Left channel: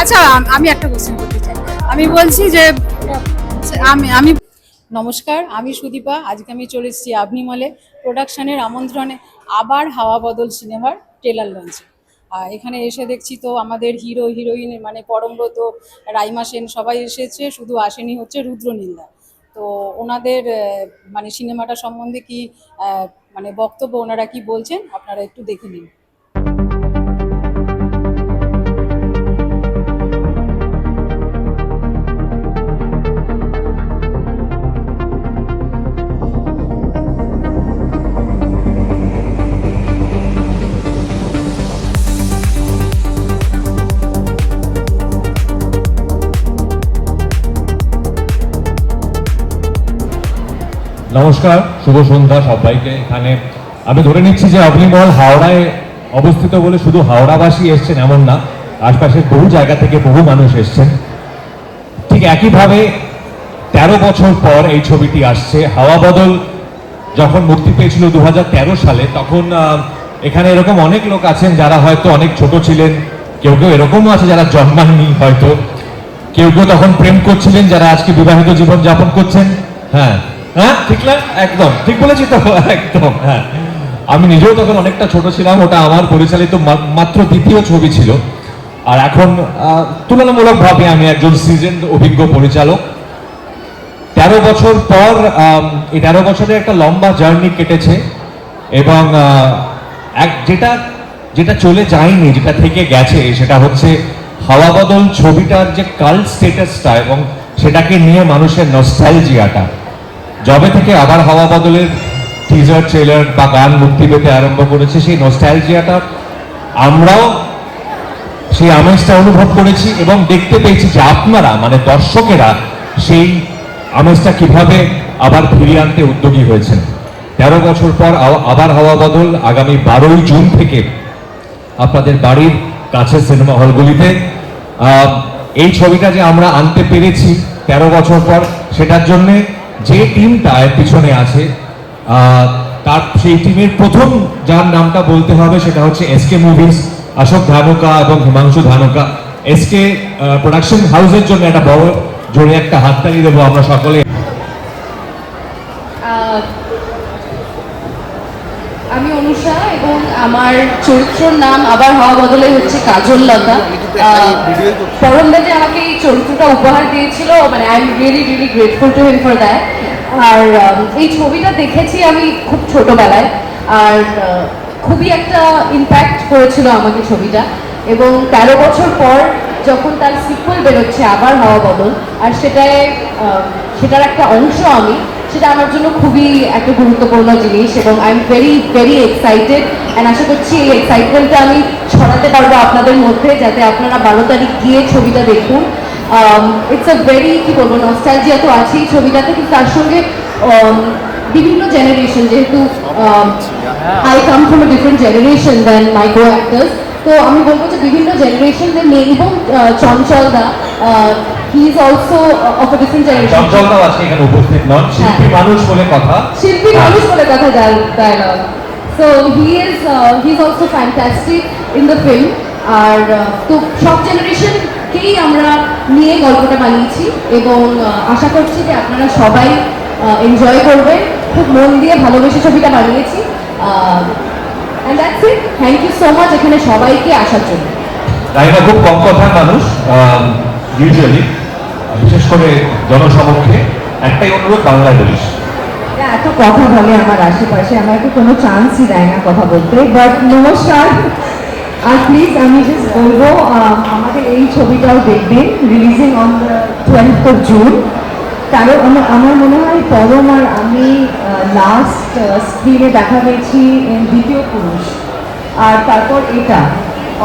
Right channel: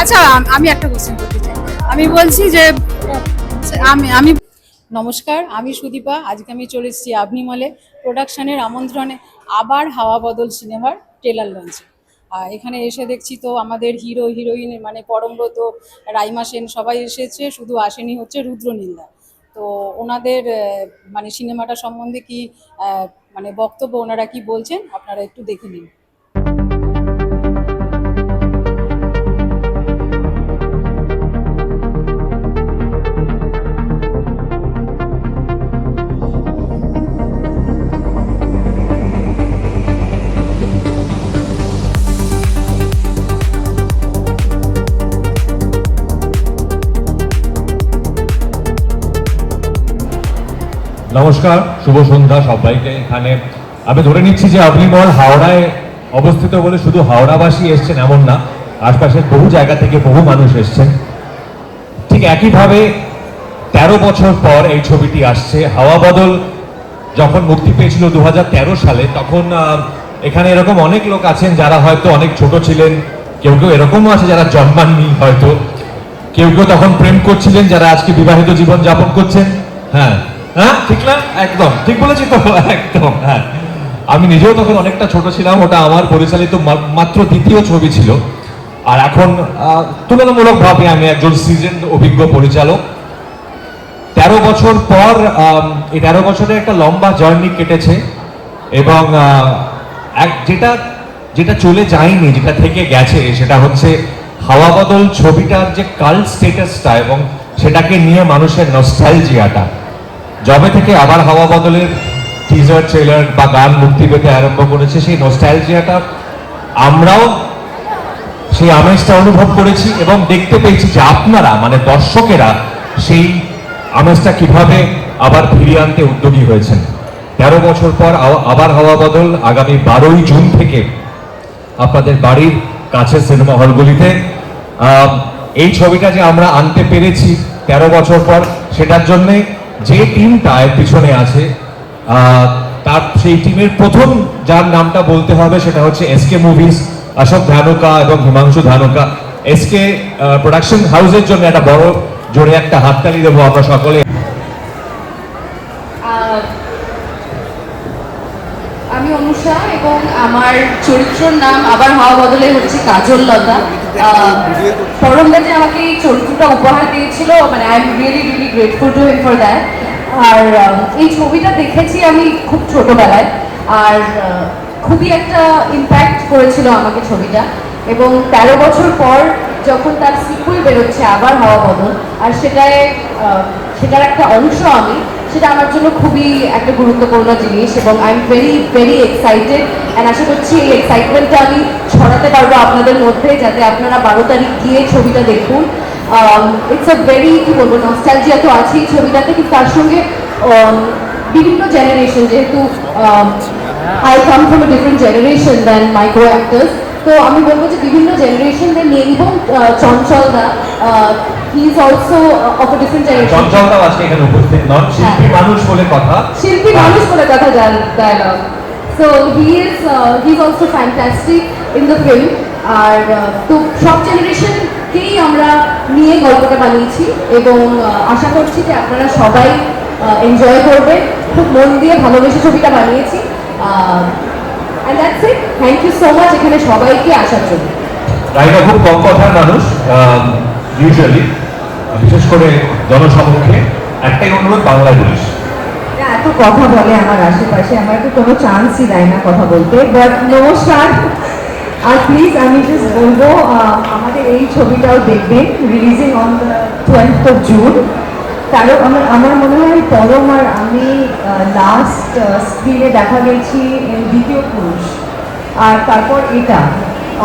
আচ্ছা, আমি একটা কোশ্চেন করতে চাই। আমি বলছি যে আমি নমস্কার, আমি সুদীপা। আজকে আমি চলে এসেছি আপনি মলে প্রোডাকশনের আমন্ত্রণে আবার হাওয়া বদল সিনেমার ট্রেলার লঞ্চে। এখানে এসে দেখছি তো আমাদের হিরো হিরোইন মানে পরমব্রত, রাইমা সেন সবাই এসেছে, শুধু আসেনি হচ্ছে রুদ্রনীলদা। তো ওনাদের মানে সিনেমাটা সম্বন্ধে কি মানে বক্তব্য, ওনারা কি বলছেন আপনারা একটু দেখে নিন। নমস্কার, শুভ সন্ধ্যা সবাইকে। এখানে আমি ধরে নিচ্ছি যে আপনি মল হাওড়ায় অবস্থিত বলে শুধু হাওড়াবাসী এসছেন এমন না, আশপাশের বহু জায়গা থেকে বহু মানুষ এসছেন। ঠিক একইভাবে 13 বছর পর এই ছবিটি আসছে। হাওয়া বদল যখন মুক্তি পেয়েছিল 2013 সালে, তখন এখানে এরকম অনেক লোক আছেন যারা হয়তো অনেক ছোট ছিলেন, কেউ কেউ এরকমও আছে যারা জন্মাননি, হয়তো কেউ কেউ তখন প্রেম করছিলেন, যারা আজকে বিবাহিত জীবন যাপন করছেন। হ্যাঁ হ্যাঁ, ঠিক না? একদম ঠিক বলেছি তো, একদম। হ্যাঁ, আমি নিজেও তখন অনেকটা ছোট ছিলাম। ওটা আমার পরিচালিত মাত্র দ্বিতীয় ছবি ছিল। আর এখন তুলনামূলকভাবে আমি একজন সিজনড অভিজ্ঞ পরিচালক। 13 বছর পর এই 13 বছরের একটা লম্বা জার্নি কেটেছে, এবং যেটা যেটা চলে যায়নি, যেটা থেকে গেছে, সেটা হচ্ছে হাওয়া বদল ছবিটার যে কাল্ট স্টেটাসটা এবং সেটাকে নিয়ে মানুষের নস্টালজিয়াটা। যবে থেকে আবার হাওয়া বদলের টিজার, ট্রেলার বা গান মুক্তি পেতে আরম্ভ করেছে, সেই নস্টালজিয়াটা আমরাও সেই আমেজটা অনুভব করেছি এবং দেখতে পেয়েছি যে আপনারা মানে দর্শকেরা সেই আমেজটা কিভাবে আবার ফিরিয়ে আনতে উদ্যোগী হয়েছেন। 13 বছর পর আবার হাওয়া বদল আগামী 12ই জুন থেকে আপনাদের বাড়ির কাছে সিনেমা হলগুলিতে। এই ছবিটা যে আমরা আনতে পেরেছি 13 বছর পর, সেটার জন্য যে টিমটা এর পিছনে আছে, তার সেই টিমের প্রথম যার নামটা বলতে হবে সেটা হচ্ছে এসকে মুভিজ, অশোক ধানুকা এবং হিমাংশু ধানুকা। এসকে প্রোডাকশন হাউসের জন্য একটা বড় জোরে একটা হাততালি দেবো আমরা সকলে। আমি অনুষা এবং আমার চরিত্রের নাম আবার হওয়া বদলে হচ্ছে কাজল লতা। পরমদাতে আমাকে এই চরিত্রটা উপহার দিয়েছিল, মানে I am really really grateful to him for that. আর এই ছবিটা দেখেছি আমি খুব ছোটবেলায়, আর খুবই একটা ইম্প্যাক্ট করেছিল আমাকে ছবিটা। এবং 13 বছর পর যখন তার সিকুয়েল বেরোচ্ছে আবার হওয়া বদল, আর সেটার একটা অংশ আমি, সেটা আমার জন্য খুবই একটা গুরুত্বপূর্ণ জিনিস। এবং I am very very excited, and আশা করছি এই এক্সাইটমেন্টটা আমি ছড়াতে পারবো আপনাদের মধ্যে, যাতে আপনারা 12 তারিখ গিয়ে ছবিটা দেখুন। ইটস আ ভেরি, কি বলবো, নস্টালজিয়া তো আছেই ছবিটাতে, কিন্তু তার সঙ্গে বিভিন্ন জেনারেশন, যেহেতু I come from a different generation than my co actors, তো আমি বলবো যে বিভিন্ন জেনারেশনদের নিয়ে, এবং চঞ্চলদা he is also of a different generation. চঞ্চলদা আজকে এখানে উপস্থিত নন, শিল্পী মানুষ বলে কথা, শিল্পী মানুষ বলে কথা জায়গা। So he is also fantastic in the film. আর তো সব জেনারেশনকেই আমরা নিয়ে গল্পটা বানিয়েছি, এবং আশা করছি যে আপনারা সবাই এনজয় করবেন। খুব মন দিয়ে ভালোবেসে ছবিটা বানিয়েছি। And that's it. Thank you so much এখানে সবাইকে আসার জন্য। রাইমা খুব কম কথার মানুষ, ইউজুয়ালি, বিশেষ করে জনসমক্ষে একটাই অনুরোধ, বাংলা জিনিস এত কথা বলে আমার আশেপাশে, আমাকে কোনো চান্সই দেয় না কথা বলতে। বাট নমস্কার, আর প্লিজ আমি জাস্ট বলবো আমাদের এই ছবিটাও দেখবেন, releasing on 12th of June। কারণ আমার মনে হয় পরম আর আমি লাস্ট স্ক্রিনে দেখা গেছি দ্বিতীয় পুরুষ, আর তারপর এটা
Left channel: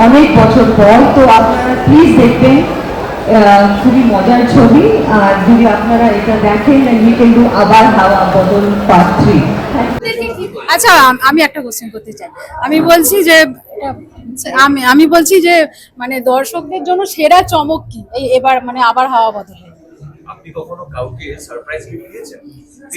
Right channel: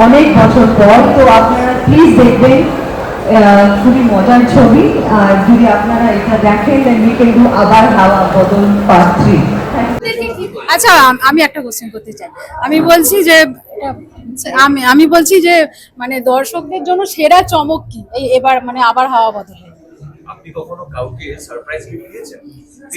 অনেক বছর পর। তো আপনারা প্লিজ দেখবেন, খুবই মজার ছবি। আর যদি আপনারা এটা দেখেন, কিন্তু আবার হাওয়া বদল পার্ট 3। আচ্ছা, আমি একটা কোশ্চেন করতে চাই। আমি বলছি যে আমি বলছি যে মানে দর্শকদের জন্য সেরা চমক কি এবার মানে আবার হাওয়া বদলে? আপনি কখনো কাউকে সারপ্রাইজ গিফট দিয়েছেন?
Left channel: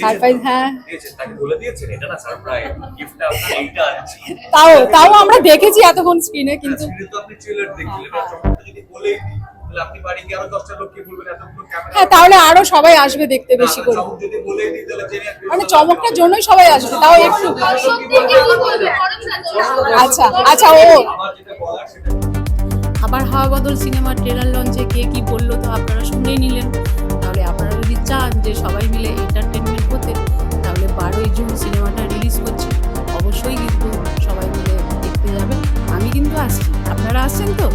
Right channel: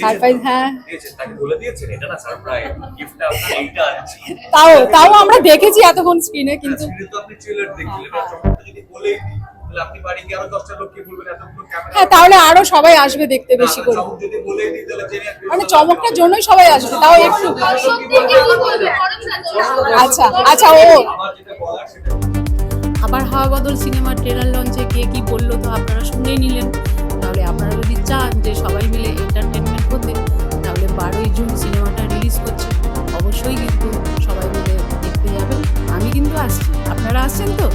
সারপ্রাইজ, হ্যাঁ দিয়েছেন, তাকে বলে দিয়েছেন এটা না সারপ্রাইজ গিফটটা আপনার এইটা আছে। তাও তাও আমরা দেখেছি এতক্ষণ স্ক্রিনে, কিন্তু স্ক্রিনে তো আপনি ট্রেলার দেখলেন, আর চমকটা যদি বলেই দিই তাহলে আপনি বাড়ি গিয়ে আরো 10টা লোককে বলবেন এতগুলো ক্যামেরা। হ্যাঁ, তাহলে আরো সবাই আসবে দেখতে বেশি করে। চমক যদি বলেই দিই তাহলে জেনে মানে চমকটার জন্যই সবাই আসবে, তাও একটু। আচ্ছা আচ্ছা, ও আমার যেটা বলার সেটা আবার হাওয়া বদল সিনেমার ট্রেলার লঞ্চে কে কি বললো তো আপনারা শুনেই নিলেন। তাহলে আপনারা যদি চান যে সবাই মিলে এন্টারটেনমেন্ট হতে, তাহলে 12ই জুন সিনেমাটা রিলিজ করছে, অবশ্যই কিন্তু সবাই মিলে দেখতে যাবেন। আমি কিন্তু আসছি, আপনারা আসছেন তো?